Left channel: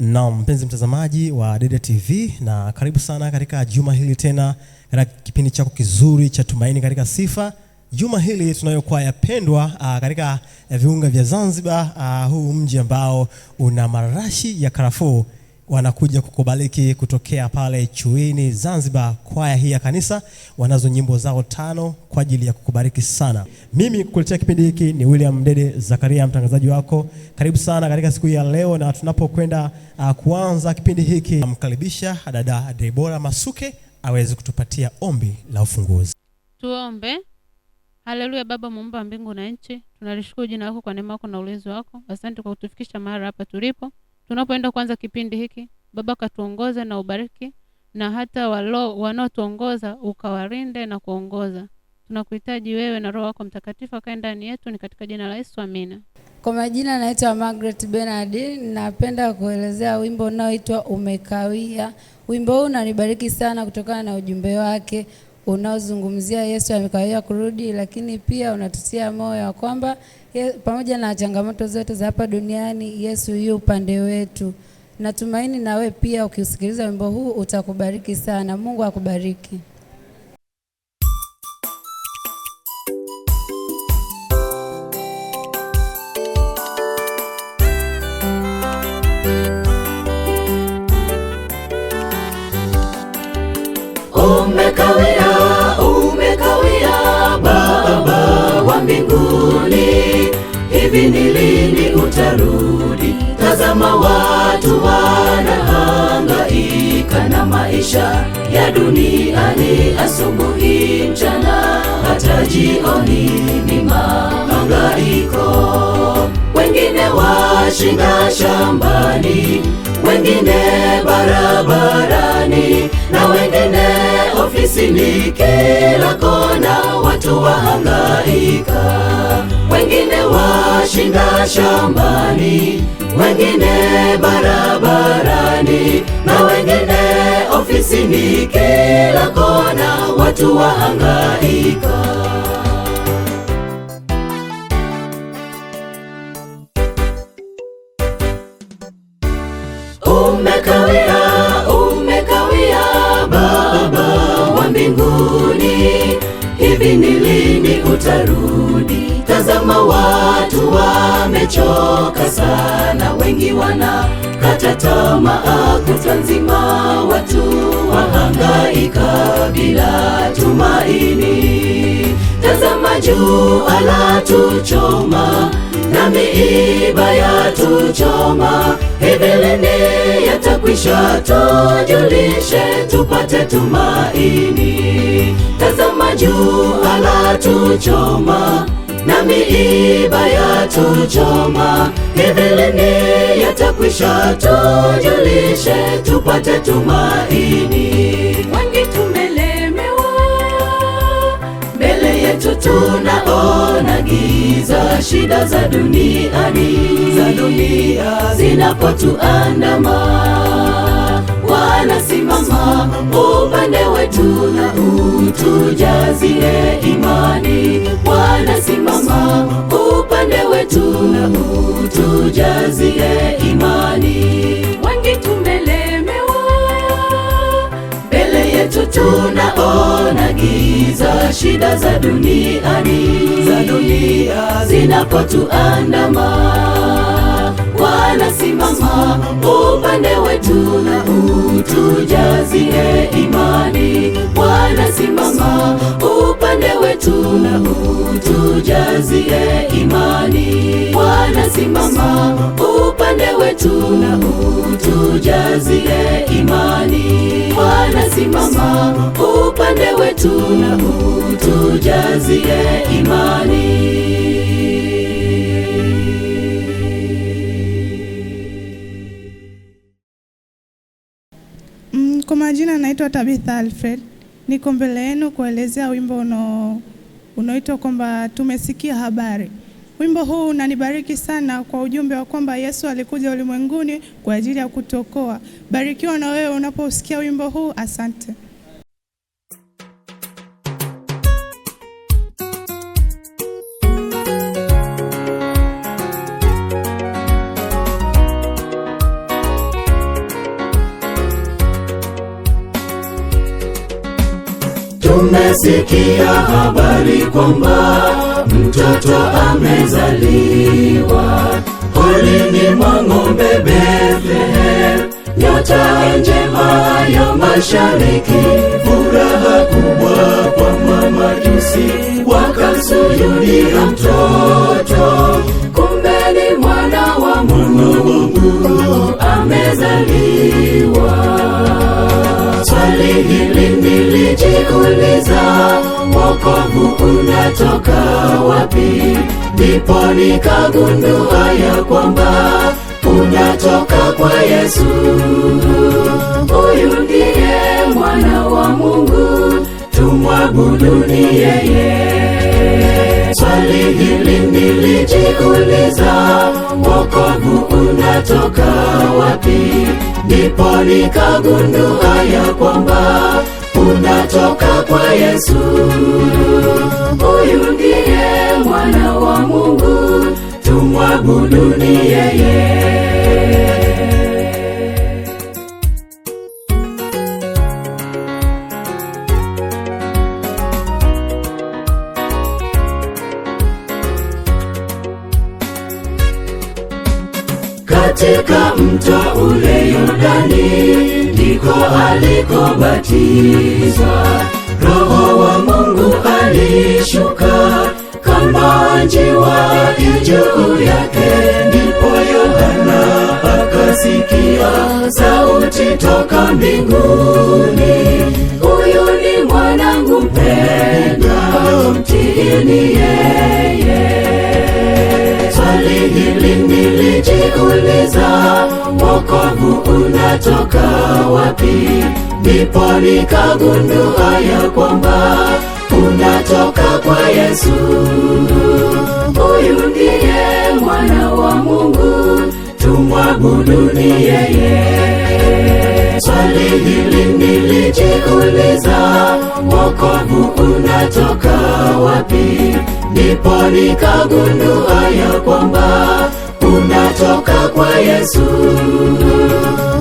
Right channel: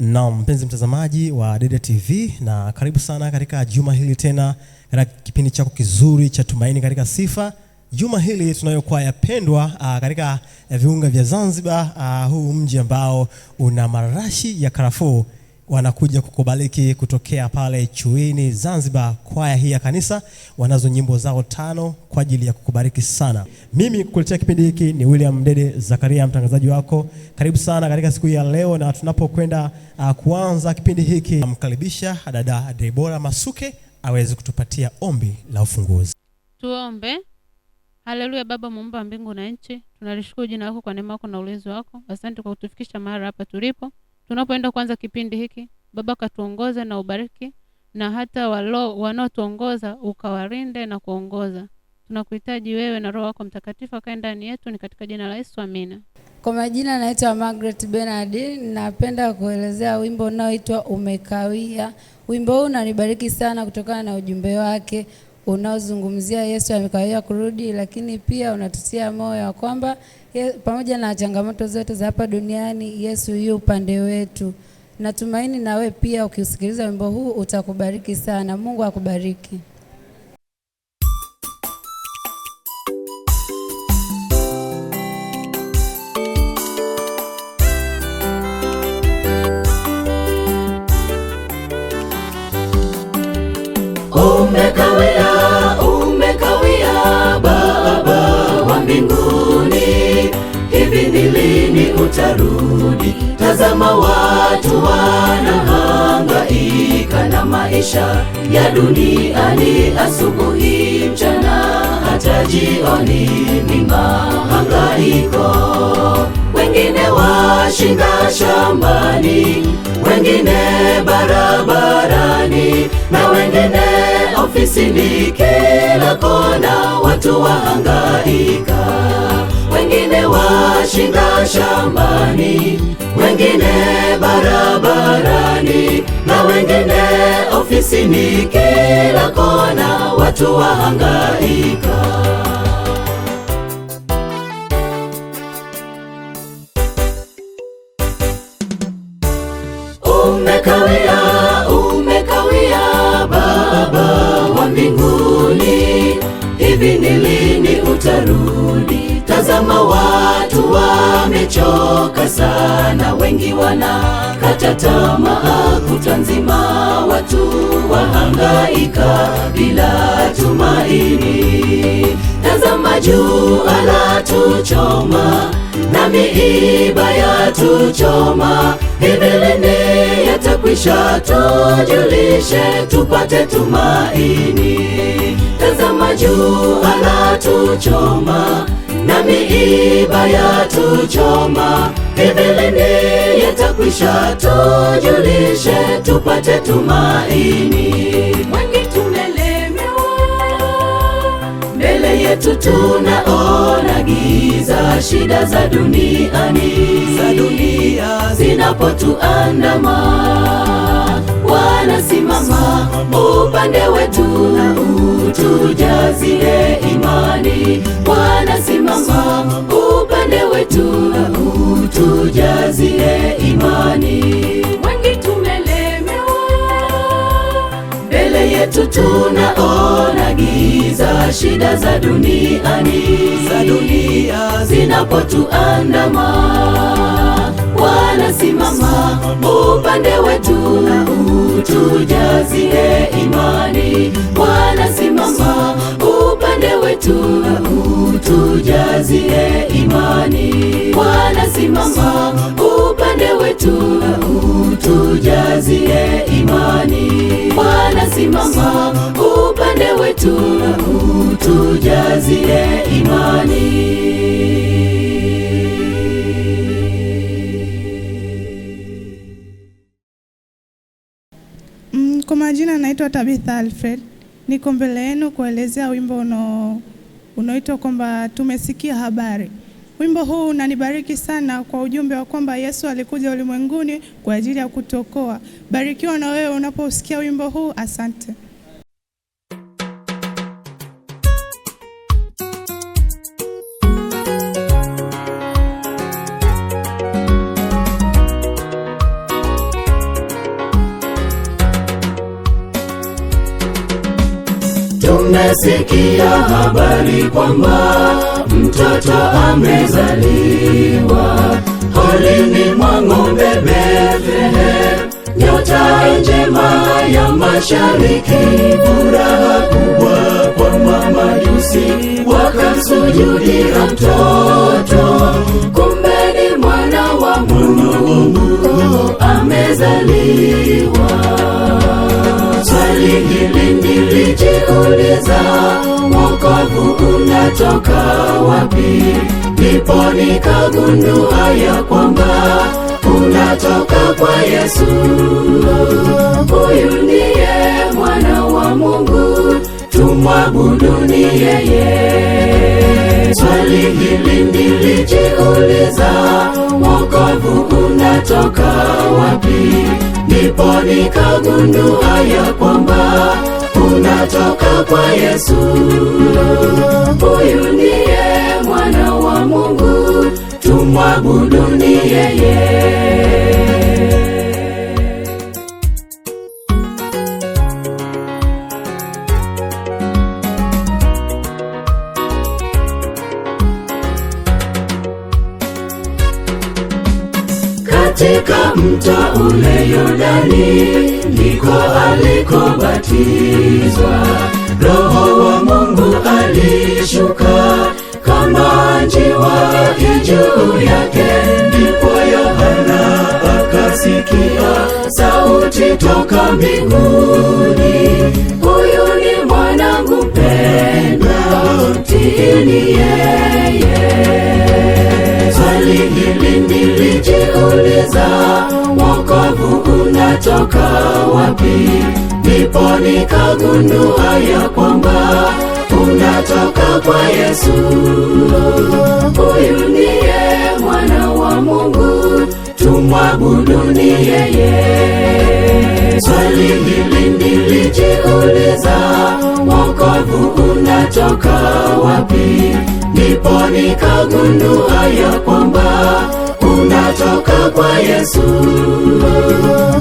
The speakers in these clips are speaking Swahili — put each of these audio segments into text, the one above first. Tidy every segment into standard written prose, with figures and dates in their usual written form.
Na mpenzi mtazamaji wa Dede TV, na karibu sana katika juma hili tena katika kipindi chako kizuri cha Tumaini katika Sifa. Juma hili tunayo kwaya pendwa katika viunga vya Zanzibar, huu mji ambao una marashi ya karafuu, wanakuja kukubariki kutokea pale Chuini Zanzibar. Kwaya hii ya kanisa wanazo nyimbo zao 5 kwa ajili ya kukubariki sana. Mimi kukuletea kipindi hiki ni William Dede Zakaria, mtangazaji wako. Karibu sana katika siku ya leo, na tunapokwenda kuanza kipindi hiki, namkaribisha dada Deborah Masuke aweze kutupatia ombi la ufunguzi. Tuombe. Haleluya. Baba muumba mbingu na nchi, tunalishukuru jina lako kwa neema yako na ulinzi wako. Asante kwa kutufikisha mahali hapa tulipo. Tunapoenda kuanza kipindi hiki, Baba katuongoze na ubariki, na hata wanaotuongoza ukawalinde na kuongoza. Tunakuhitaji wewe na Roho wako Mtakatifu akae ndani yetu, ni katika jina la Yesu, amina. Kwa majina naitwa Margaret Bernard. Napenda kuelezea wimbo unaoitwa Umekawia. Wimbo huu unanibariki sana kutokana na ujumbe wake unaozungumzia Yesu amekawia kurudi, lakini pia unatutia moyo kwamba pamoja na changamoto zote za hapa duniani, Yesu yu upande wetu. Natumaini na wewe pia ukisikiliza wimbo huu utakubariki sana. Mungu akubariki. Umekawia Baba wa mbinguni, hivi ni lini utarudi? Tazama watu wanahangaika na maisha ya duniani, asubuhi, mchana, hata jioni ni mahangaiko. Wengine washinda shambani, wengine barabarani, na wengine ofisini. Kila kona watu wahangaika. Wengine washinda shambani, wengine barabarani, na wengine ofisini. Kila kona watu wahangaika. Umekawia Baba wa mbinguni, hivi ni lini utarudi? Tazama watu wamechoka sana, wengi wanakata tamaa, kutwa nzima watu wahangaika bila tumaini. Tazama jua latuchoma na miiba yatuchoma, hivi lini yatakwisha? Tujulishe tupate tumaini. Tazama jua latuchoma na miiba yatuchoma, hivi lini yatakwisha? Tujulishe tupate tumaini. Wengi tumelemewa, mbele yetu tunaona giza, shida za duniani zinapotuandama, wanasimama upande wetu, utujazie imani. Wanasimama upande wetu, utujazie imani. Wengi tumelemewa, mbele yetu tunaona giza, shida za duniani zinapotuandama, wanasimama upande wetu, utujazie imani. Wanasimama upande wetu, utujazie imani. Wanasimama upande wetu, utujazie imani. Wanasimama upande wetu, utujazie imani. Kwa majina naitwa Tabitha Alfred. Niko mbele yenu kuelezea wimbo unaoitwa kwamba tumesikia habari. Wimbo huu unanibariki sana kwa ujumbe wa kwamba Yesu alikuja ulimwenguni kwa ajili ya kutuokoa. Barikiwa na wewe unaposikia wimbo huu. Asante. tumesikia habari kwamba mtoto amezaliwa. Poleni mwa ng'ombe Bethlehem, nyota njema ya mashariki. Furaha kubwa kwa mamajusi, wakamsujudia mtoto. Kumbe ni mwana wa Mungu amezaliwa. Swali hili nilijiuliza, wokovu unatoka wapi? Ndipo nikagundua ya kwamba unatoka kwa Yesu. Huyu ndiye mwana wa Mungu, tumwabuduni yeye. Swali hili nilijiuliza, wokovu unatoka wapi? Ndipo nikagundua ya kwamba unatoka kwa Yesu. Huyu ndiye mwana wa Mungu, tumwabuduni yeye. Katika mto ule Yordani ndiko alikobatizwa. Roho wa Mungu alishuka kama njiwa juu yake. Ndipo Yohana akasikia sauti toka mbinguni, huyu ni mwanangu mpendwa, mtiini yeye. Swali hili nilijiuliza, wokovu unatoka wapi? Ndipo nikagundua ya kwamba unatoka kwa Yesu. Huyu ndiye mwana wa Mungu, tumwabuduni yeye. Swali hili nilijiuliza, wokovu unatoka wapi? Ndipo nikagundua ya kwamba unatoka kwa Yesu.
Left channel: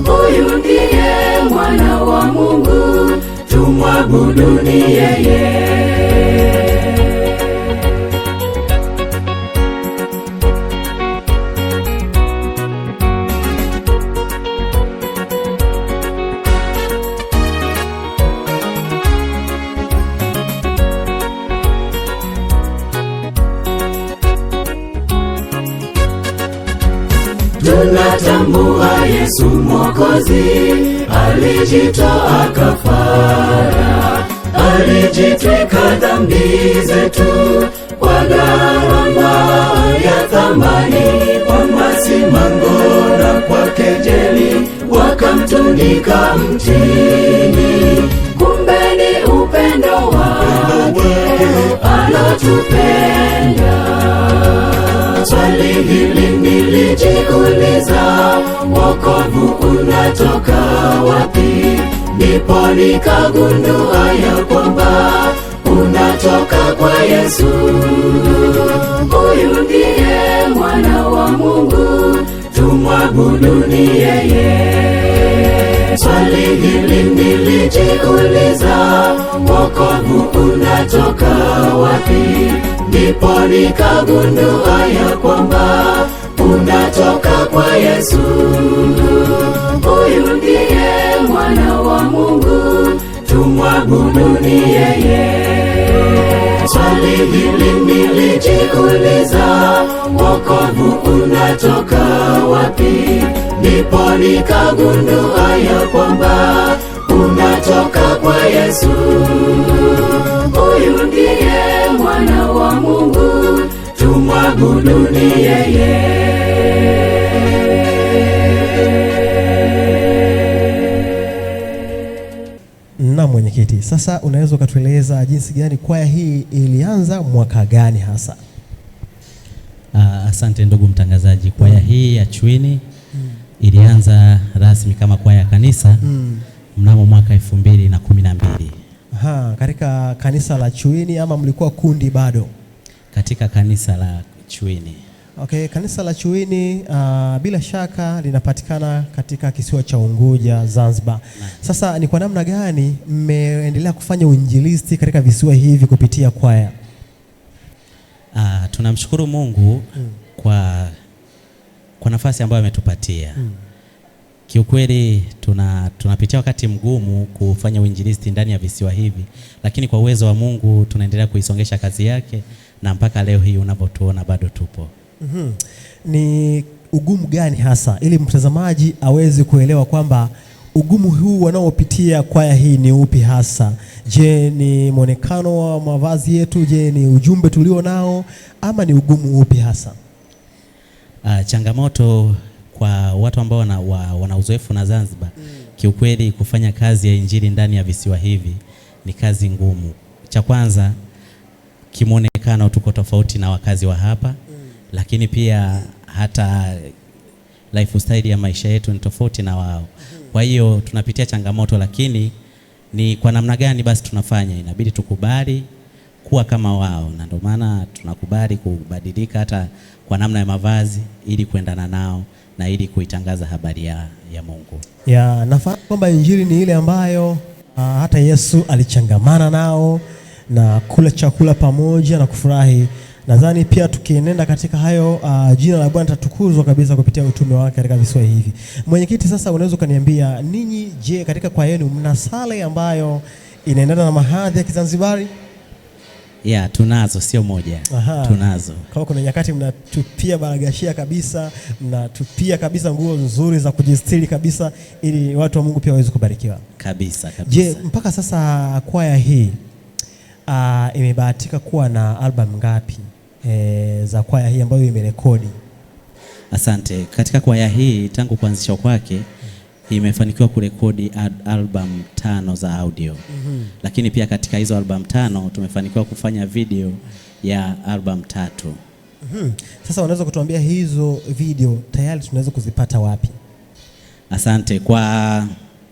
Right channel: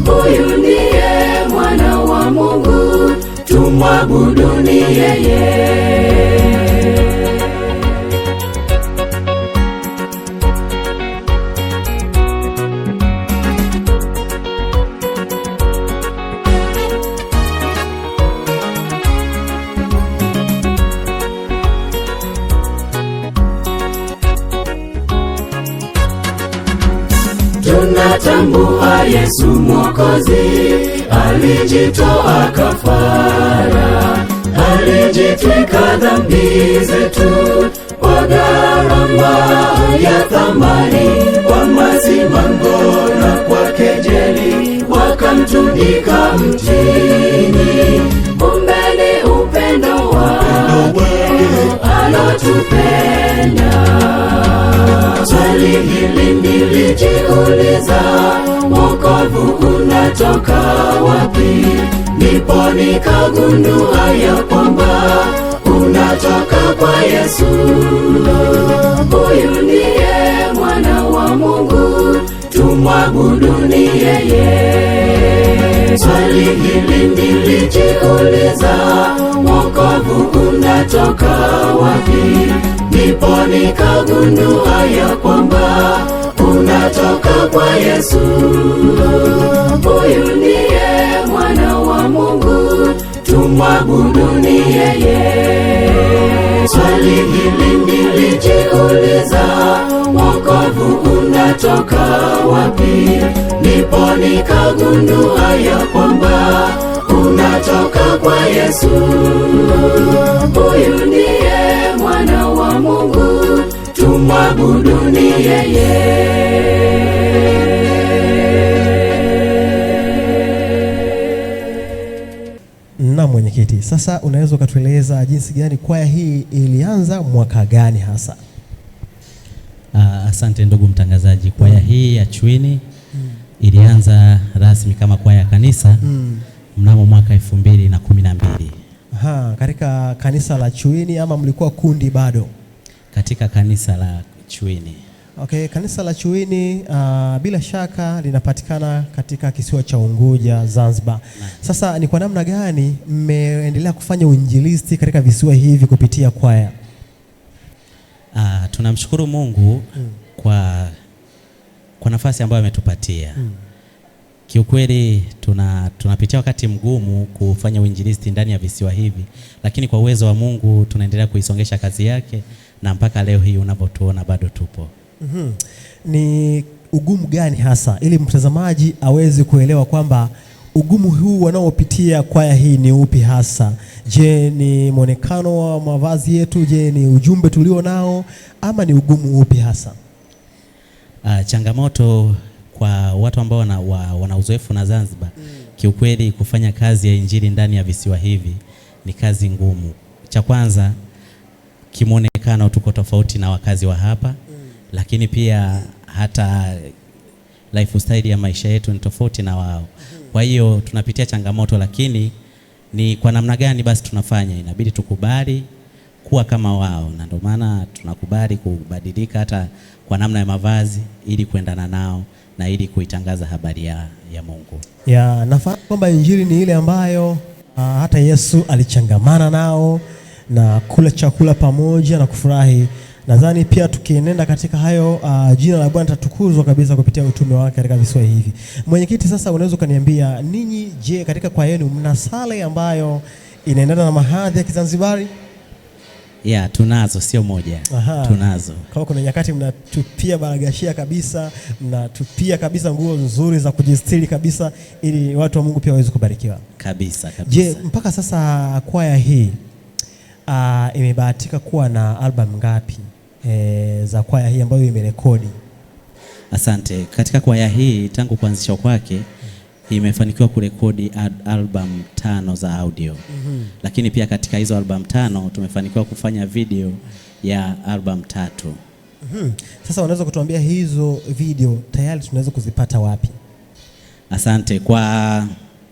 Huyu ndiye mwana wa Mungu, tumwabuduni yeye. Tunatambua Yesu Mwokozi alijitoa kafara, alijitwika dhambi zetu kwa gharama ya thamani. Kwa masimango na kwa kejeli wakamtundika mtini. Kumbe ni upendo wake anatupenda. Swali hili nilijiuliza, wokovu unatoka wapi? Ndipo nikagundua ya kwamba unatoka kwa Yesu. Huyu ndiye mwana wa Mungu, tumwabuduni yeye. Swali hili nilijiuliza, wokovu unatoka wapi? Ndipo nikagundua ya kwamba unatoka kwa Yesu. Huyu ndiye mwana wa Mungu, tumwabuduni yeye. Swali hili nilijiuliza, wokovu unatoka wapi? Ndipo nikagundua ya kwamba unatoka kwa Yesu. Huyu ndiye mwana wa Mungu, tumwabuduni yeye. Na mwenyekiti, sasa unaweza ukatueleza jinsi gani kwaya hii ilianza mwaka gani hasa? Asante ndugu mtangazaji. Kwaya hii ya Chwini ilianza rasmi kama kwaya ya kanisa mnamo mwaka 2012. Katika kanisa la Chwini ama mlikuwa kundi bado? Katika kanisa la Chwini. Okay, kanisa la Chuini bila shaka linapatikana katika kisiwa cha Unguja, Zanzibar. Sasa ni kwa namna gani mmeendelea kufanya uinjilisti katika visiwa hivi kupitia kwaya? Tunamshukuru Mungu kwa nafasi ambayo ametupatia. Kiukweli tunapitia wakati mgumu kufanya uinjilisti ndani ya visiwa hivi, lakini kwa uwezo wa Mungu tunaendelea kuisongesha kazi yake, na mpaka leo hii unapotuona bado tupo. Ni ugumu gani hasa, ili mtazamaji aweze kuelewa kwamba ugumu huu wanaopitia kwaya hii ni upi hasa? Je, ni mwonekano wa mavazi yetu? Je, ni ujumbe tulio nao? Ama ni ugumu upi hasa? Changamoto kwa watu ambao wana uzoefu na Zanzibar, kiukweli kufanya kazi ya injili ndani ya visiwa hivi ni kazi ngumu. Cha kwanza, kimonekano tuko tofauti na wakazi wa hapa, lakini pia hata lifestyle ya maisha yetu ni tofauti na wao. Kwa hiyo tunapitia changamoto, lakini ni kwa namna gani basi tunafanya? Inabidi tukubali kuwa kama wao, na ndio maana tunakubali kubadilika hata kwa namna ya mavazi ili kuendana nao na ili kuitangaza habari ya Mungu. Nafahamu kwamba injili ni ile ambayo hata Yesu alichangamana nao na kula chakula pamoja na kufurahi. Nadhani pia tukienenda katika hayo, jina la Bwana tatukuzwa kabisa kupitia utume wake katika visiwa hivi. Mwenyekiti, sasa unaweza ukaniambia ninyi, je, katika kwaya yenu mna sala ambayo inaendana na mahadhi ya Kizanzibari? Tunazo, sio moja. Tunazo. Kwa kuna nyakati mnatupia baragashia kabisa, mnatupia kabisa nguo nzuri za kujistiri kabisa, ili watu wa Mungu pia waweze kubarikiwa. Kabisa. Je, mpaka sasa kwaya hii imebahatika kuwa na album ngapi za kwaya hii ambayo imerekodi? Asante. Katika kwaya hii tangu kuanzishwa kwake imefanikiwa kurekodi album 5 za audio. Lakini pia katika hizo album 5 tumefanikiwa kufanya video ya album 3. Sasa unaweza kutuambia hizo video tayari tunaweza kuzipata wapi? Asante.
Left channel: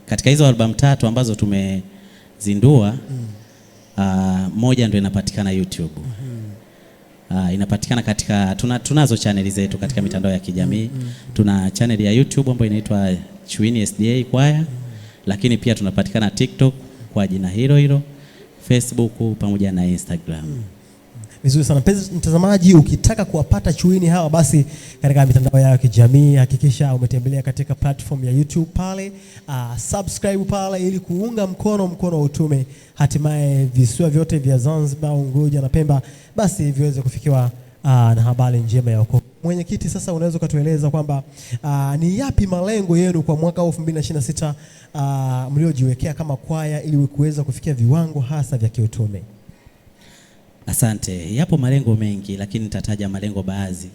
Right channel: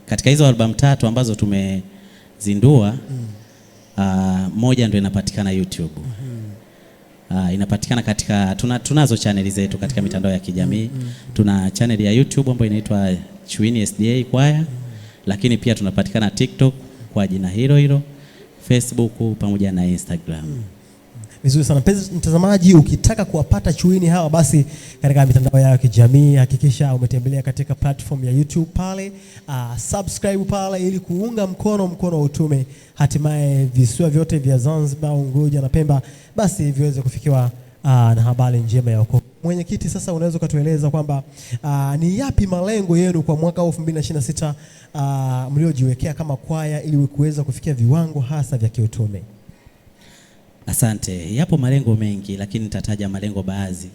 Katika hizo album 3 ambazo tumezindua, moja ndio inapatikana YouTube. Inapatikana katika tunazo channel zetu katika mitandao ya kijamii. Tuna channel ya YouTube ambayo inaitwa Chuini SDA Choir, lakini pia tunapatikana TikTok kwa jina hilo, Facebook pamoja na Instagram. Vizuri sana. Mtazamaji, ukitaka kuwapata Chuini hawa basi katika mitandao ya kijamii, hakikisha umetembelea katika platform ya YouTube pale, subscribe pale ili kuunga mkono wa utume, hatimaye visiwa vyote vya Zanzibar, Unguja na Pemba basi viweze kufikiwa na habari njema ya wokovu. Mwenyekiti, sasa unaweza kutueleza kwamba ni yapi malengo yenu kwa mwaka 2026 mliojiwekea kama kwaya ili kuweza kufikia viwango hasa vya kiutume? Asante. Yapo malengo mengi, lakini nitataja malengo baadhi.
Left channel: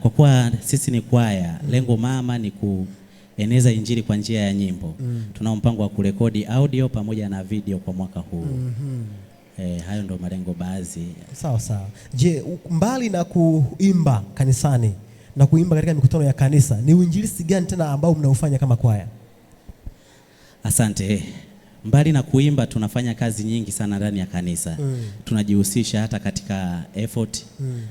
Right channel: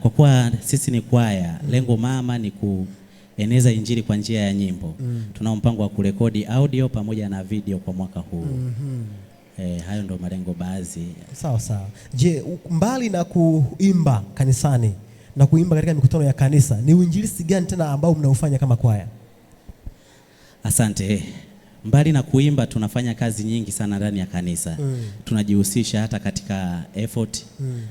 Kwa kuwa sisi ni kwaya, lengo mama ni kueneza injili kwa njia ya nyimbo. Tunao mpango wa kurekodi audio pamoja na video kwa mwaka huu. Hayo ndo malengo baadhi. Sawa. Je, mbali na kuimba kanisani na kuimba katika mikutano ya kanisa, ni uinjilisti gani tena ambao mnaufanya kama kwaya? Asante. Mbali na kuimba tunafanya kazi nyingi sana ndani ya kanisa. Tunajihusisha hata katika effort.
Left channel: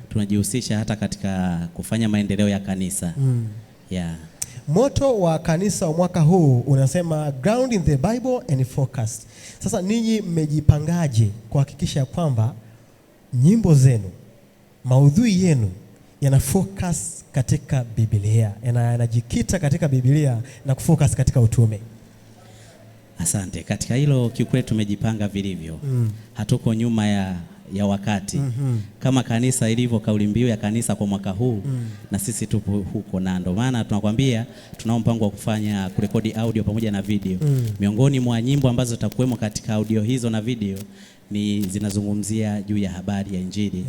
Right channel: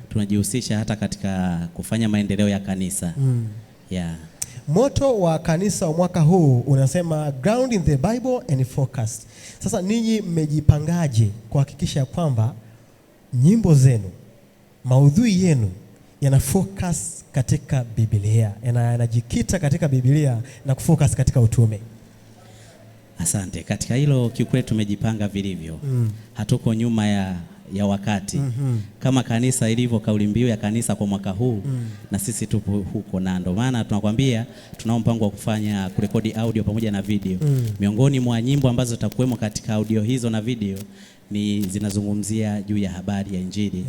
Tunajihusisha hata katika kufanya maendeleo ya kanisa. Moto wa kanisa wa mwaka huu unasema ground in the Bible and focus. Sasa ninyi mmejipangaje kuhakikisha kwamba nyimbo zenu, maudhui yenu yana focus katika Biblia, yanajikita katika Biblia na kufocus katika utume? Asante. Katika hilo kiukweli tumejipanga vilivyo. Hatuko nyuma ya wakati. Kama kanisa ilivyo kauli mbiu ya kanisa kwa mwaka huu, na sisi tupo huko, na ndio maana tunakwambia tunao mpango wa kurekodi audio pamoja na video. Miongoni mwa nyimbo ambazo zitakuwemo katika audio hizo na video ni zinazungumzia juu ya habari ya injili.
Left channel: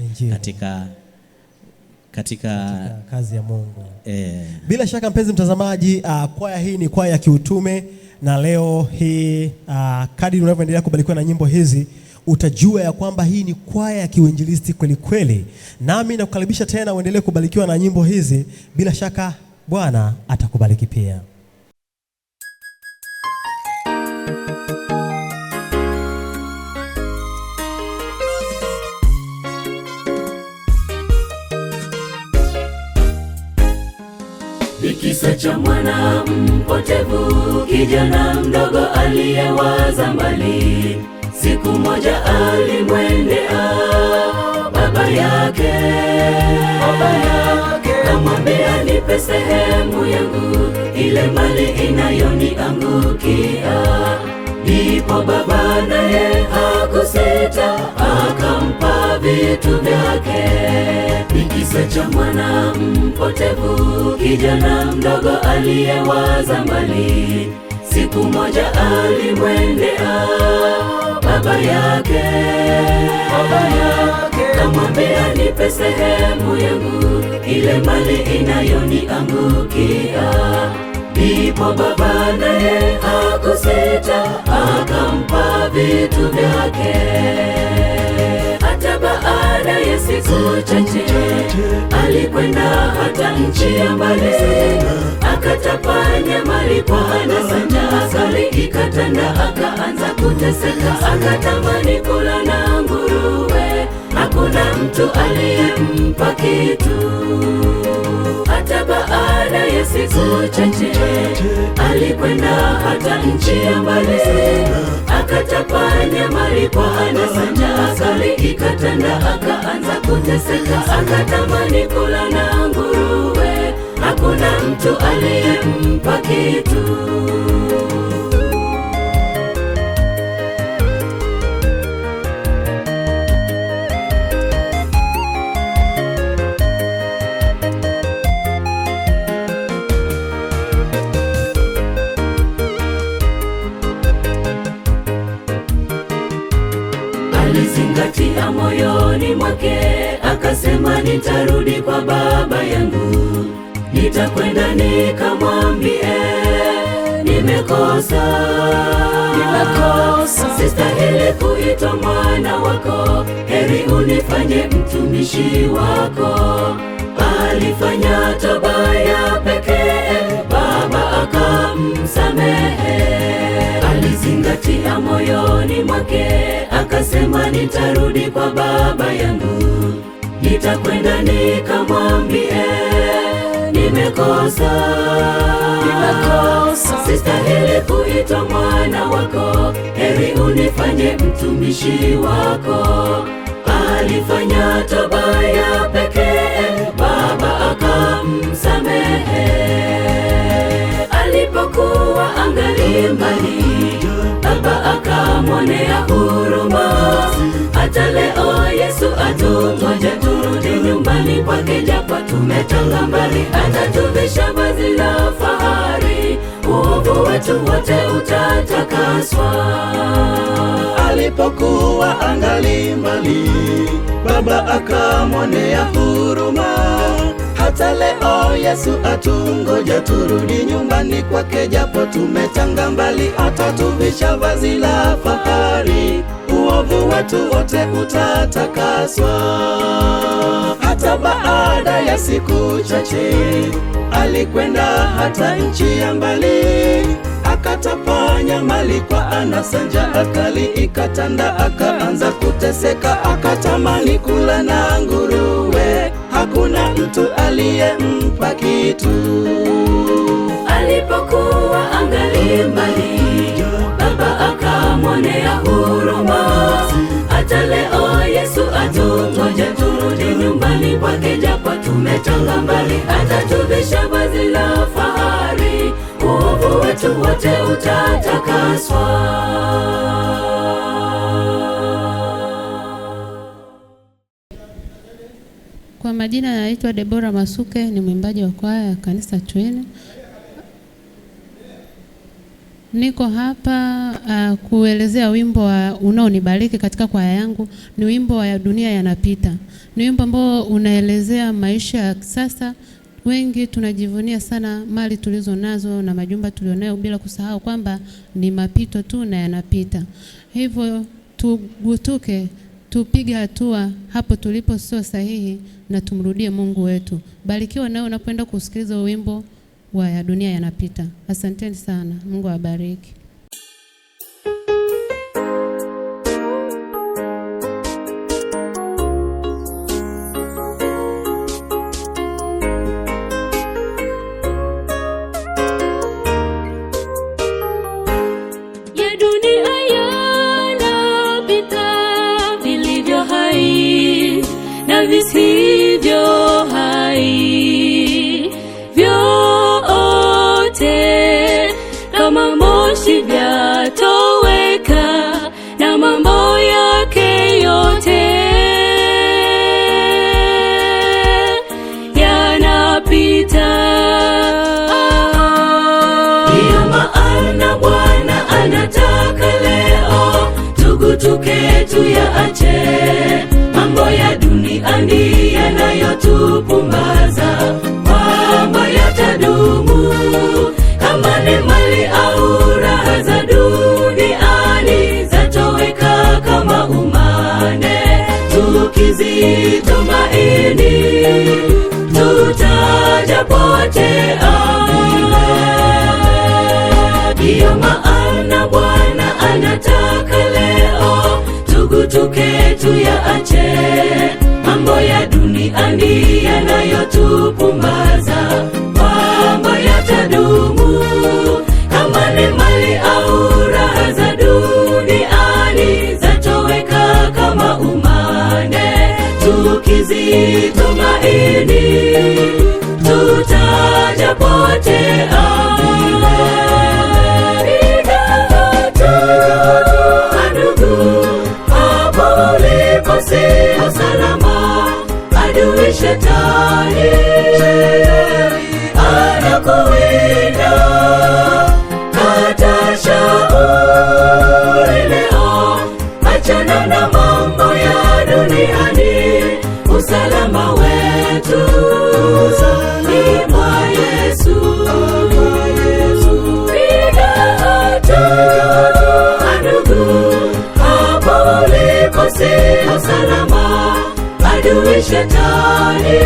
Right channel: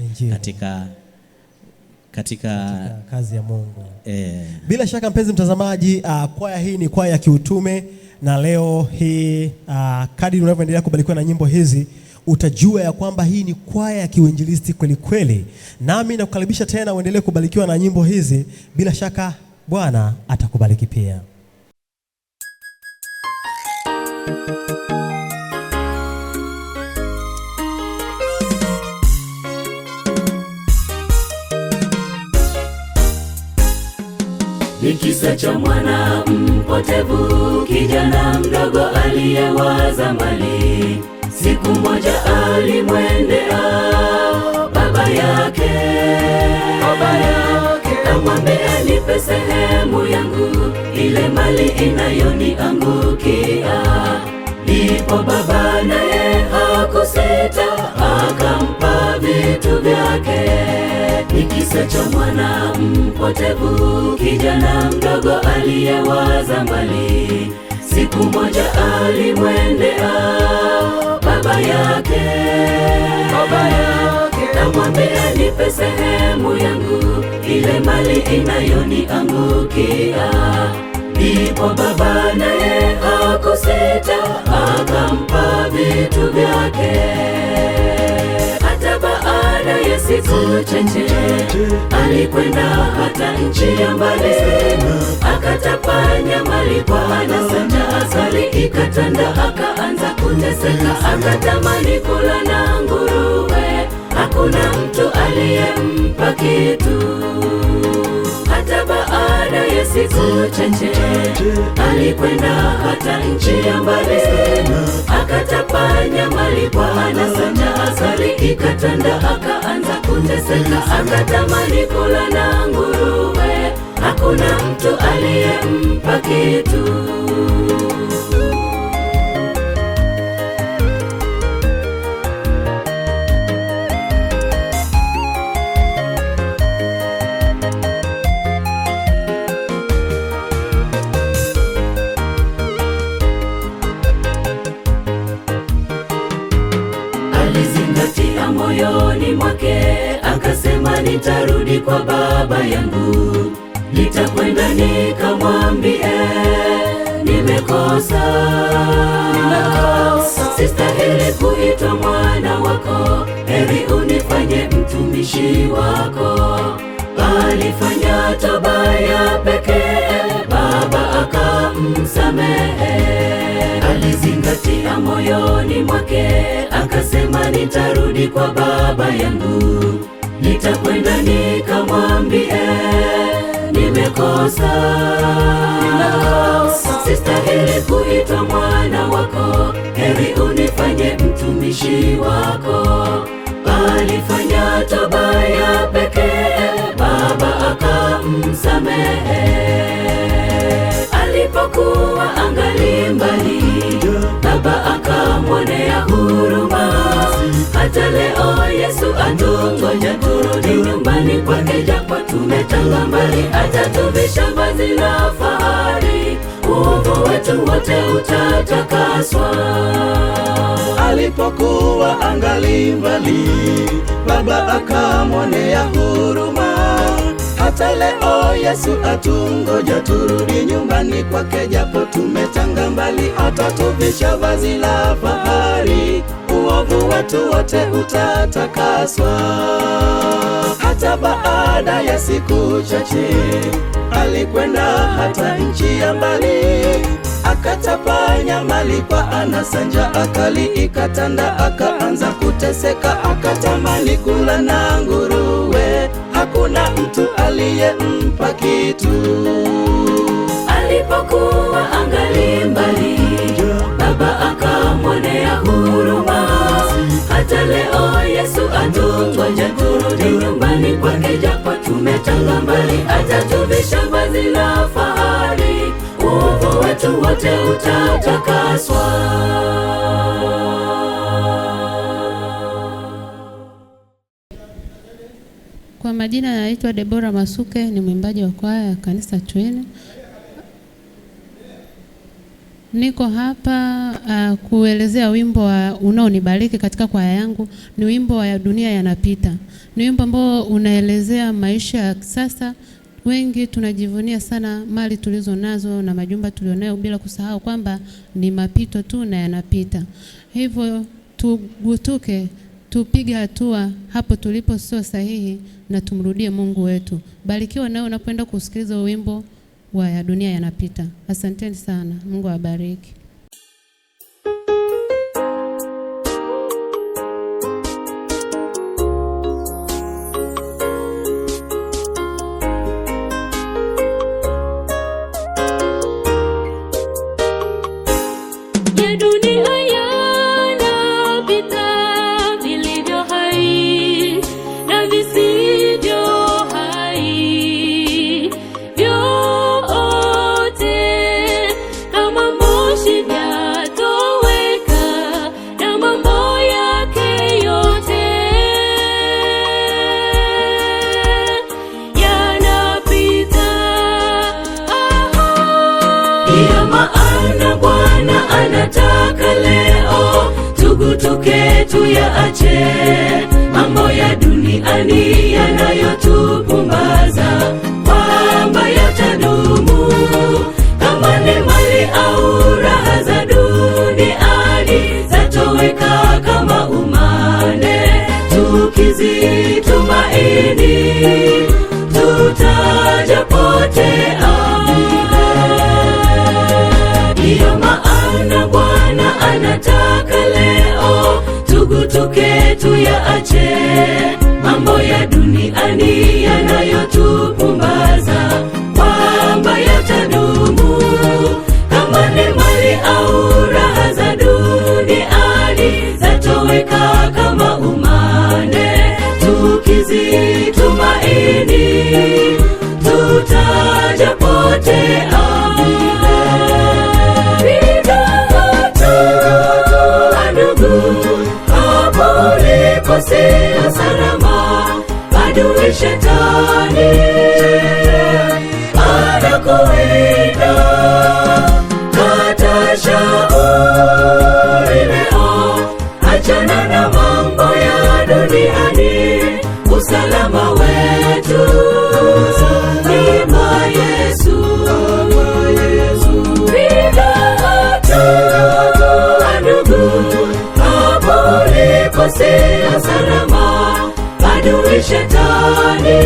Katika kazi ya Mungu. Bila shaka mpenzi mtazamaji, kwaya hii ni kwaya ya kiutume, na leo hii kadri unavyoendelea kubarikiwa na nyimbo hizi utajua ya kwamba hii ni kwaya ya kiuinjilisti kweli kweli. Nami nakukaribisha tena uendelee kubarikiwa na nyimbo hizi, bila shaka Bwana atakubariki pia. kisa cha mwana mpotevu, kijana mdogo aliyewaza mbali. Siku moja alimwendea baba yake, kamwambia, nipe sehemu yangu, ile mali inayoniangukia. Ndipo baba naye hakusita, akampa vitu vyake. Ni kisa cha mwana mpotevu, kijana mdogo aliyewaza mbali. Siku moja alimwendea baba yake, kamwambia, nipe sehemu yangu, ile mali inayoniangukia. Ndipo baba naye hakusita, akampa vitu vyake. Hata baada ya siku chache alikwenda hata nchi ya mbali, akatapanya mali kwa anasa na asali ikatanda, akaanza kuteseka, akatamani kula na nguruwe, hakuna mtu aliyempa kitu. Hata baada ya siku chache alikwenda hata nchi ya mbali, akatapanya mali kwa anasa na asali ikatanda, akaanza kuteseka, akatamani kula na nguruwe, hakuna mtu aliyempa kitu. Alizingatia moyoni mwake, akasema, nitarudi kwa baba yangu, nitakwenda nikamwambie, nimekosa, sistahili kuitwa mwana wako, heri unifanye mtumishi wako. Alifanya toba ya pekee, baba akamsamehe. Alizingatia moyoni mwake, akasema, nitarudi kwa baba yangu, nitakwenda nikamwambie, nimekosa, sistahili kuitwa mwana wako, heri unifanye mtumishi wako. Alifanya toba ya pekee, baba akamsamehe. Alipokuwa angali mbali, baba akamwonea huruma. Hata leo Yesu atungoja turudi nyumbani kwake, japo tumetanga mbali, atatuvisha vazi la fahari, uovu wetu wote utatakaswa. Alipokuwa angali mbali, baba akamwonea huruma. Hata leo Yesu atungoja turudi nyumbani kwake, japo tumetanga mbali, atatuvisha vazi la fahari, uovu wetu wote utatakaswa. Hata baada ya siku chache alikwenda hata nchi ya mbali, akatapanya mali kwa anasa, njaa akali ikatanda, akaanza kuteseka, akatamani kula na nguruwe, hakuna mtu aliyempa kitu. Alipokuwa angali mbali, baba akamwonea huruma. Hata leo Yesu atungoja turudi nyumbani kwake, japo tumetanga mbali, atatuvisha vazi la fahari, uovu wetu wote utatakaswa. Kwa majina naitwa Debora Masuke, ni mwimbaji wa kwaya ya kanisa Twene. Niko hapa kuelezea wimbo unaonibariki katika kwaya yangu. Ni wimbo wa Dunia Yanapita. Ni wimbo ambao unaelezea maisha ya sasa. Wengi tunajivunia sana mali tulizo nazo na majumba tulionayo, bila kusahau kwamba ni mapito tu na yanapita. Hivyo tugutuke, tupige hatua hapo tulipo sio sahihi, na tumrudie Mungu wetu. Barikiwa nawe unapoenda kusikiliza wimbo wa Dunia Yanapita. Asanteni sana. Mungu awabariki. kama ni mali au raha za duniani zatoweka kama umande, tukizitumaini tutajapotea. Sio salama, adui shetani anakuwinda. Kata shauri leo, achana na mambo ya duniani. Usalama wetu ni mwa Yesu. Piga hatua ndugu, hapo ulipo sio salama, adui shetani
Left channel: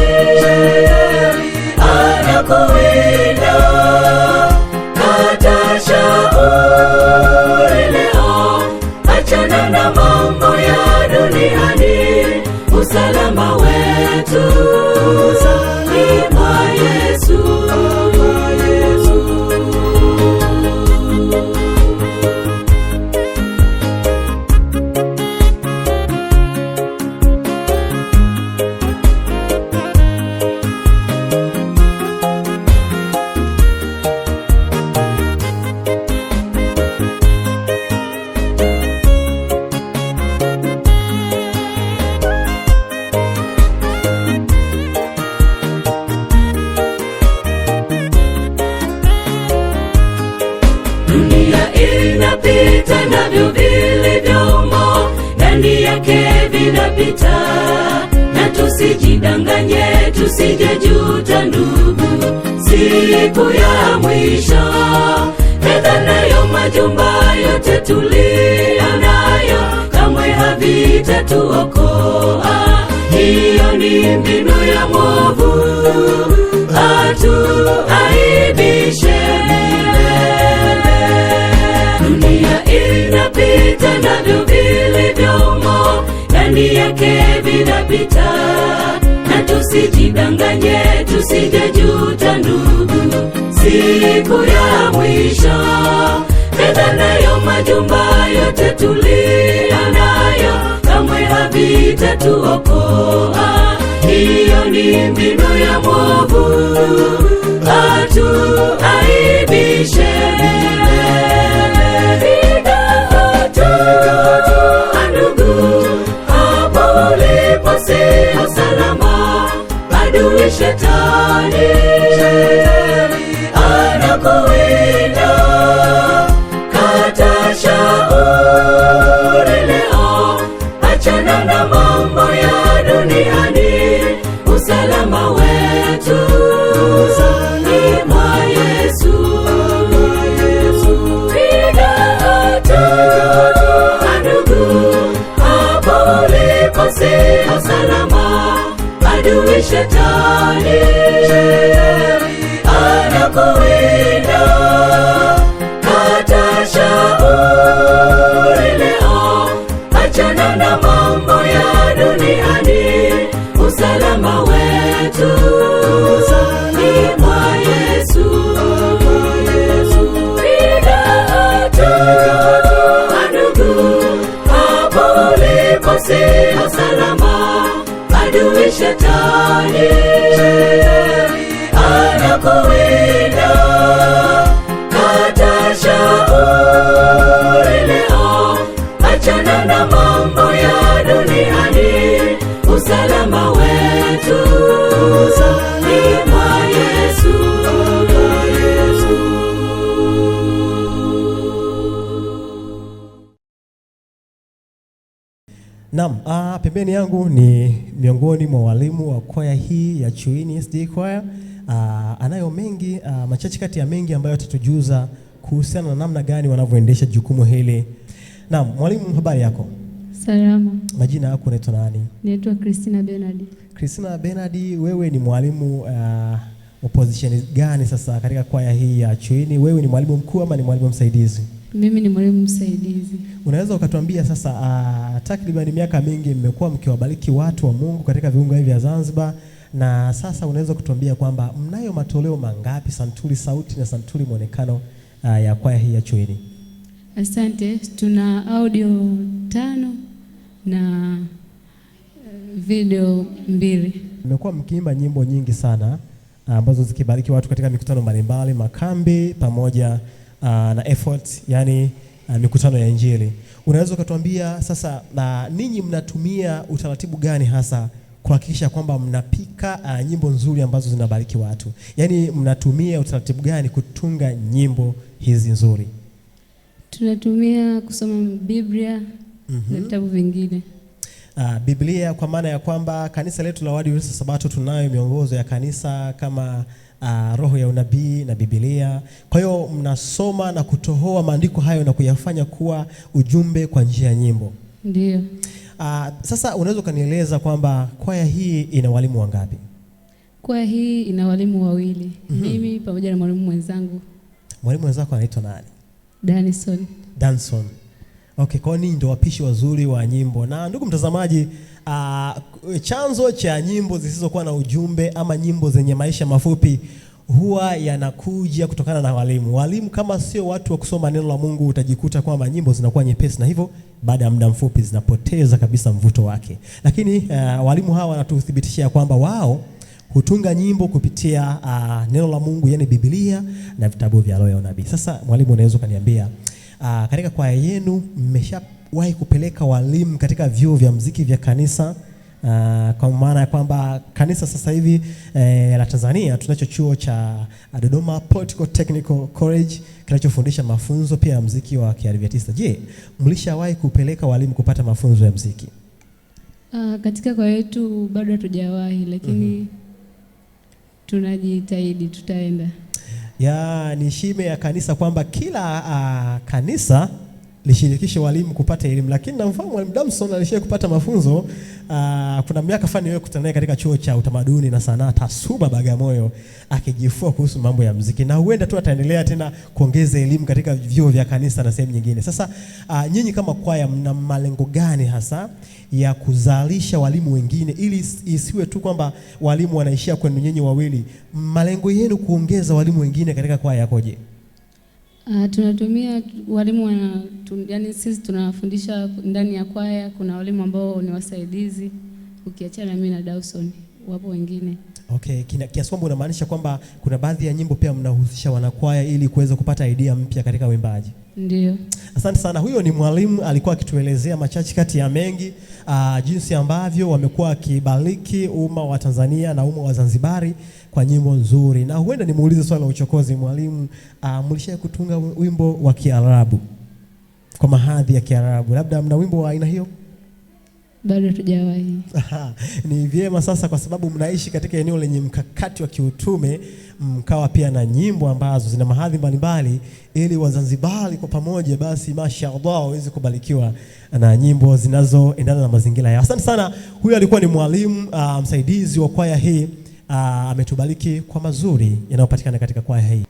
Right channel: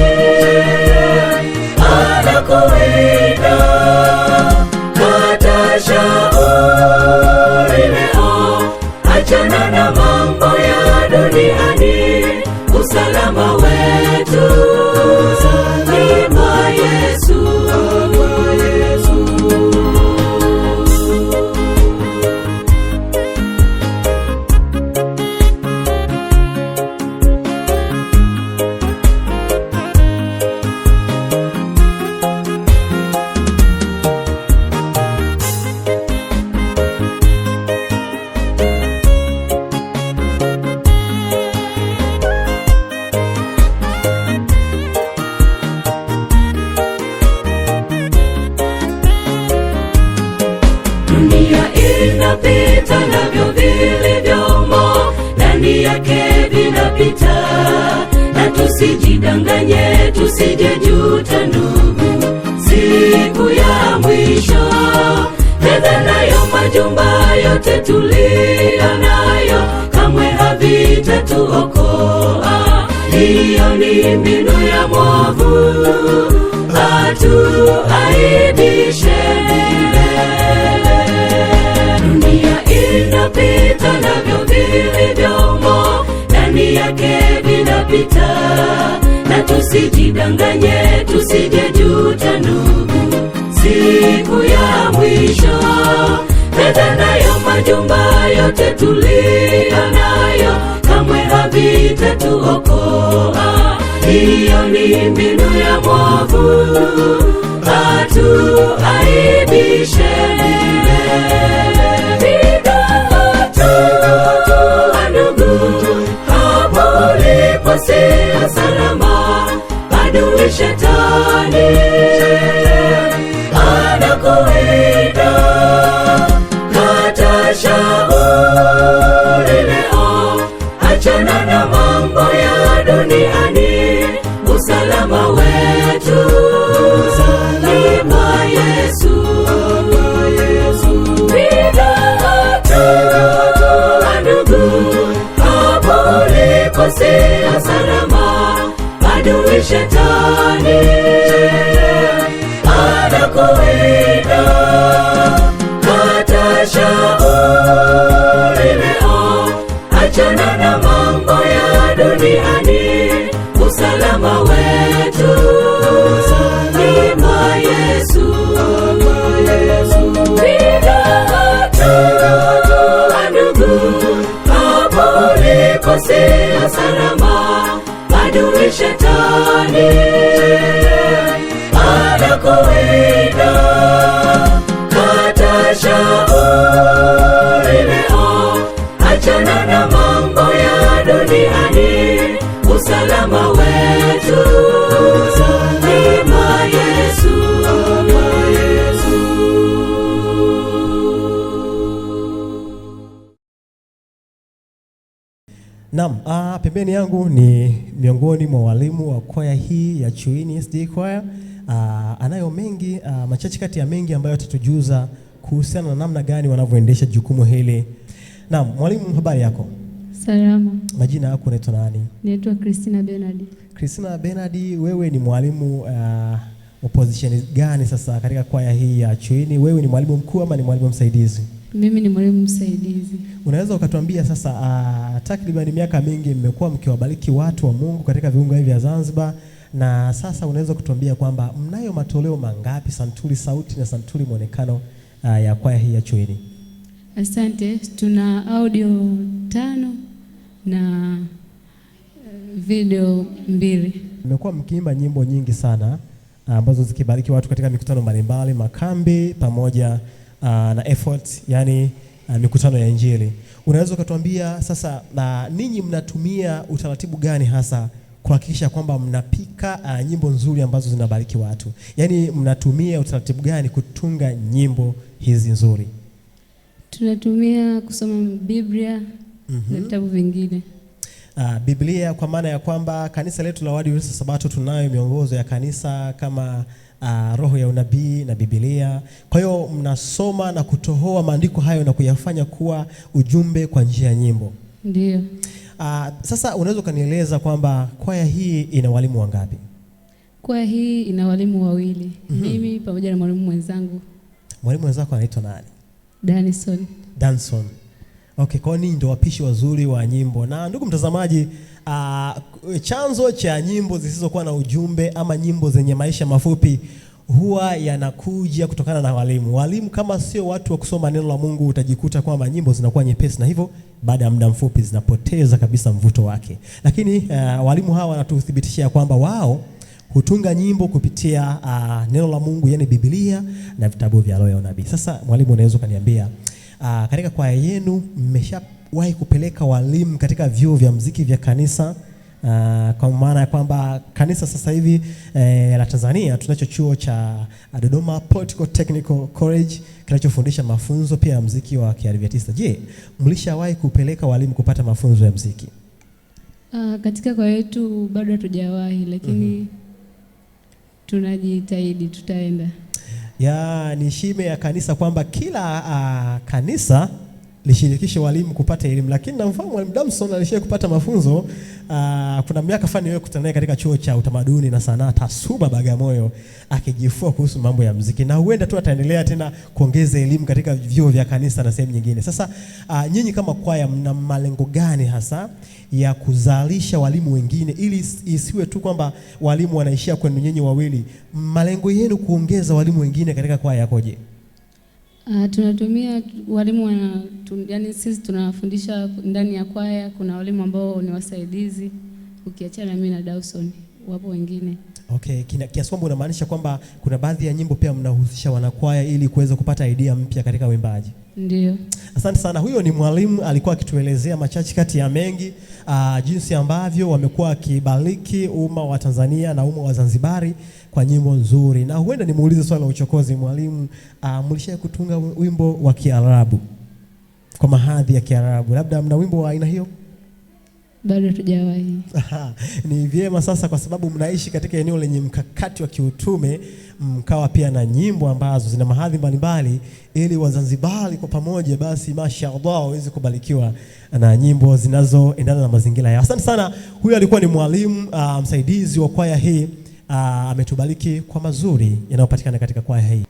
anakuwinda. Kata shauri leo, achana na mambo ya duniani. Usalama wetu ni mwa Yesu. Inapita navyo vilivyomo ndani yake vinapita, na tusijidanganye, tusijejuta ndugu, siku ya mwisho. Fedha nayo majumba yote tuliyo nayo kamwe havitatuokoa. Hiyo ni mbinu ya mwovu atuaibishe. Inapita navyo vilivyomo ndani yake vinapita, na tusijidanganye, tusijejuta ndugu, siku ya mwisho. Fedha nayo majumba yote tuliyo nayo kamwe havitatuokoa. Hiyo ni mbinu ya mwovu atuaibishe. Sio salama, adui shetani anakuwinda. Kata shauri leo, achana na mambo ya duniani. Usalama wetu ni mwa Yesu. Piga hatua ndugu, hapo ulipo sio salama, adui shetani anakuwinda. Kata shauri leo, achana na mambo ya duniani. Usalama wetu ni mwa Yesu. Piga hatua ndugu, hapo ulipo sio salama, adui shetani anakuwinda. Kata shauri leo, achana na mambo ya duniani. Usalama wetu ni mwa Yesu. Naam, pembeni yangu ni miongoni mwa walimu wa kwaya hii ya Chuini SD Choir. Anayo mengi, machache kati ya mengi ambayo atatujuza kuhusiana na namna gani wanavyoendesha jukumu hili. Naam, mwalimu, habari yako? Salama. Majina yako unaitwa nani? Naitwa Christina Bernard. Christina Bernard, wewe ni mwalimu wa position gani sasa katika kwaya hii ya Chuini? Wewe ni mwalimu mkuu ama ni mwalimu msaidizi? Mimi ni mwalimu msaidizi. Unaweza ukatuambia sasa, takriban miaka mingi mmekuwa mkiwabariki watu wa Mungu katika viunga hivi vya Zanzibar. na sasa unaweza kutuambia kwamba mnayo matoleo mangapi, santuri sauti na santuri muonekano ya kwaya hii ya Chuini? Asante, tuna audio 5 na video 2. Mmekuwa mkiimba nyimbo nyingi sana ambazo zikibariki watu katika mikutano mbalimbali, makambi pamoja na effort, yani mikutano ya Injili. Unaweza kutuambia sasa ninyi mnatumia utaratibu gani hasa kuhakikisha kwamba mnapika nyimbo nzuri ambazo zinabariki watu? Yaani mnatumia utaratibu gani kutunga nyimbo hizi nzuri? Tunatumia kusoma Biblia na vitabu vingine. Biblia kwa maana ya kwamba kanisa letu la Waadventista Sabato tunayo miongozo ya kanisa kama roho ya unabii na Biblia. Kwa hiyo mnasoma na kutohoa maandiko hayo na kuyafanya kuwa ujumbe kwa njia ya nyimbo. Ndio. Sasa unaweza kunieleza kwamba kwaya hii ina walimu wangapi? Kwaya hii ina walimu 2. Mimi pamoja na mwalimu mwenzangu. Mwalimu wenzako anaitwa nani? Danson. Okay, kwa nini ndio wapishi wazuri wa nyimbo? Na ndugu mtazamaji, chanzo cha nyimbo zisizokuwa na ujumbe ama nyimbo zenye maisha mafupi huwa yanakuja kutokana na walimu. Walimu kama sio watu wa kusoma neno la Mungu, utajikuta kwamba nyimbo zinakuwa nyepesi na hivyo baada ya muda mfupi zinapoteza kabisa mvuto wake. Lakini walimu hawa wanatuthibitishia kwamba wao hutunga nyimbo kupitia neno la Mungu, yani Biblia na vitabu vya roho ya unabii. Sasa mwalimu, unaweza kuniambia katika kwaya yenu mmeshawahi kupeleka walimu katika vyuo vya muziki vya kanisa? Kwa maana ya kwamba kanisa sasa hivi la Tanzania tunacho chuo cha Dodoma Political Technical College kinachofundisha mafunzo pia ya muziki wa Kiadventista. Je, mlishawahi kupeleka walimu kupata mafunzo ya muziki? Katika kwaya yetu bado hatujawahi, lakini tunajitahidi, tutaenda. Ni shime ya kanisa kwamba kila kanisa lishirikishe walimu kupata elimu, lakini namfahamu mwalimu Damson alishia kupata mafunzo. Kuna miaka fulani wewe kutana naye katika chuo cha utamaduni na sanaa Tasuba Bagamoyo akijifua kuhusu mambo ya muziki, na huenda tu ataendelea tena kuongeza elimu katika vyuo vya kanisa na sehemu nyingine. Sasa nyinyi kama kwaya mna malengo gani hasa ya kuzalisha walimu wengine, ili isiwe tu kwamba walimu wanaishia kwenu nyinyi wawili? Malengo yenu kuongeza walimu wengine katika kwaya yakoje? Tunatumia walimu yani sisi tunafundisha ndani ya kwaya. Kuna walimu ambao ni wasaidizi, ukiachana mimi na Dawson, wapo wengine. Okay, kiasi kwamba unamaanisha kwamba kuna baadhi ya nyimbo pia mnahusisha wanakwaya ili kuweza kupata idea mpya katika uimbaji? Ndio. Asante sana. Huyo ni mwalimu alikuwa akituelezea machache kati ya mengi jinsi ambavyo wamekuwa kibariki umma wa Tanzania na umma wa Zanzibari kwa nyimbo nzuri. Na huenda nimuulize swali la uchokozi, mwalimu, mlishawahi kutunga wimbo wa Kiarabu kwa mahadhi ya Kiarabu? Labda mna wimbo wa aina hiyo? Bado hatujawahi. Ni vyema sasa, kwa sababu mnaishi katika eneo lenye mkakati wa kiutume, mkawa pia na nyimbo ambazo zina mahadhi mbalimbali, ili Wazanzibari kwa pamoja basi mashaallah waweze kubarikiwa na nyimbo zinazoendana na mazingira yao. Asante sana. Huyu alikuwa ni mwalimu msaidizi wa kwaya hii, ametubariki kwa mazuri yanayopatikana katika kwaya hii.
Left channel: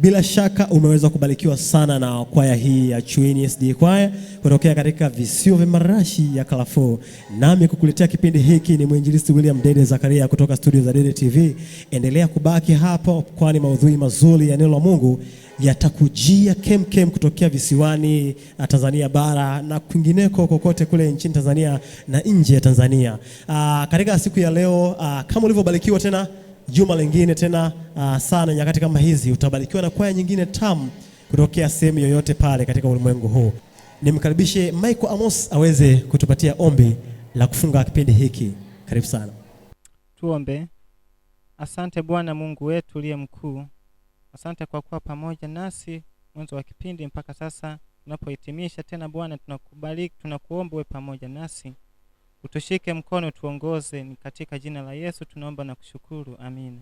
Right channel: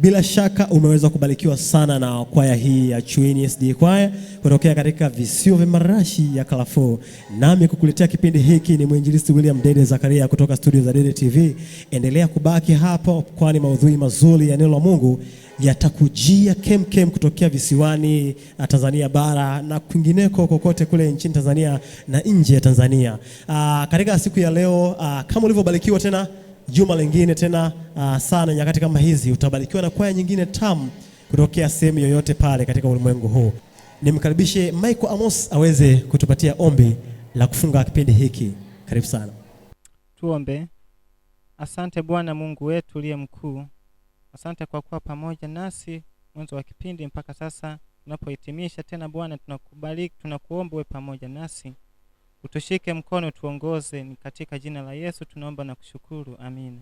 Bila shaka umeweza kubarikiwa sana na kwaya hii ya Chuini SD kwaya kutokea katika visiwa vya marashi ya Kalafo. Nami kukuletea kipindi hiki ni mwinjilisti William Dede Zakaria kutoka studio za Dede TV. Endelea kubaki hapo, kwani maudhui mazuri ya neno la Mungu yatakujia kem kutokea visiwani Tanzania bara na kwingineko kokote kule nchini Tanzania na nje ya Tanzania. Katika siku ya leo, kama ulivyobarikiwa tena juma lingine tena sana nyakati kama hizi, utabarikiwa na kwaya nyingine tamu kutokea sehemu yoyote pale katika ulimwengu huu. Nimkaribishe Michael Amos aweze kutupatia ombi la kufunga kipindi hiki. Karibu sana. Tuombe. Asante Bwana Mungu wetu uliye mkuu. Asante kwa kuwa pamoja nasi mwanzo wa kipindi mpaka sasa tunapohitimisha tena. Bwana, tunakubariki, tunakuomba uwe pamoja nasi. Utushike mkono, tuongoze, ni katika jina la Yesu tunaomba na kushukuru. Amina.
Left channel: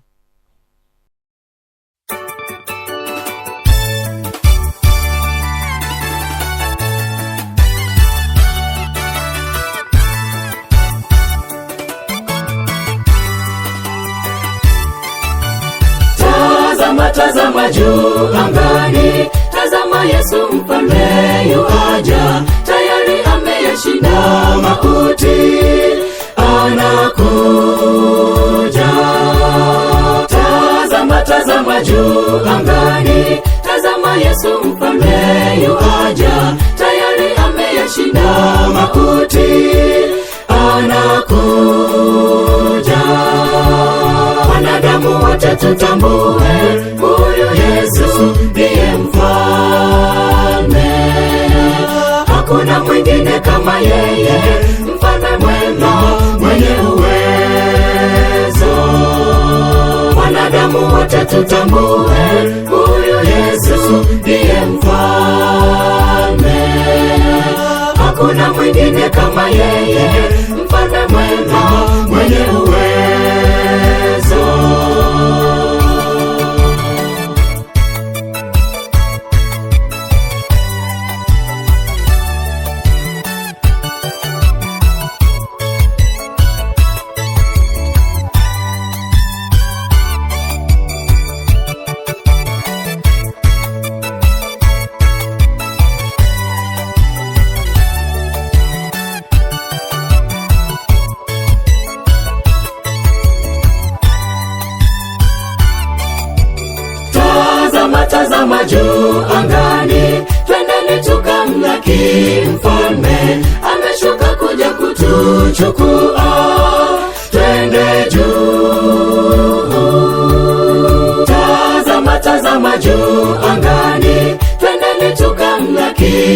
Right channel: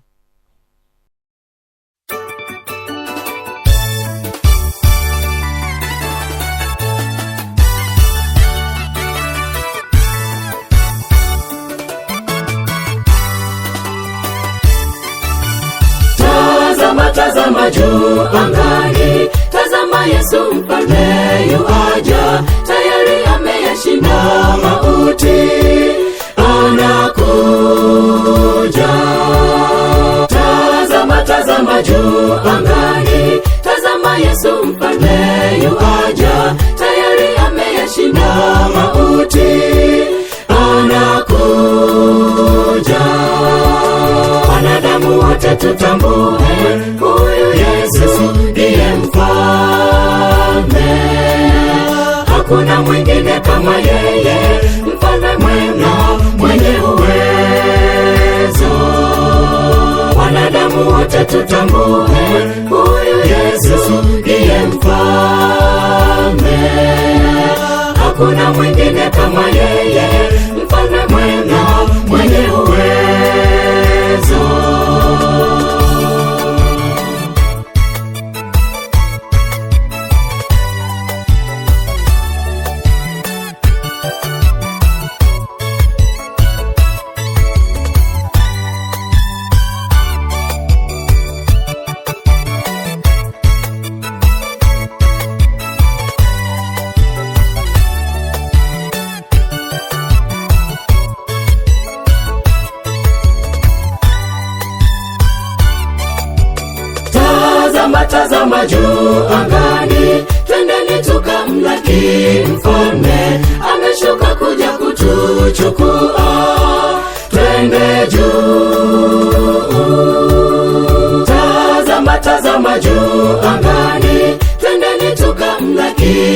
Tazama juu angani, tazama Yesu mfalme yuaja, tayari ameyashinda mauti, anakuja. Yesu mfalme yuaja, tayari ameyashinda mauti, anakuja. Wanadamu wote tutambue, huyu Yesu ndiye mfalme, hakuna mwingine kama yeye, mfalme mwema mwenye uwezo. Wanadamu wote tutambue, huyu Yesu ndiye mfalme, hakuna mwingine kama yeye, mfalme mwema mwenye uwezo. Tazama juu angani, twendeni tukamlaki mfalme, ameshuka kuja kutuchukua, twende juu. Tazama juu angani, twendeni tukamlaki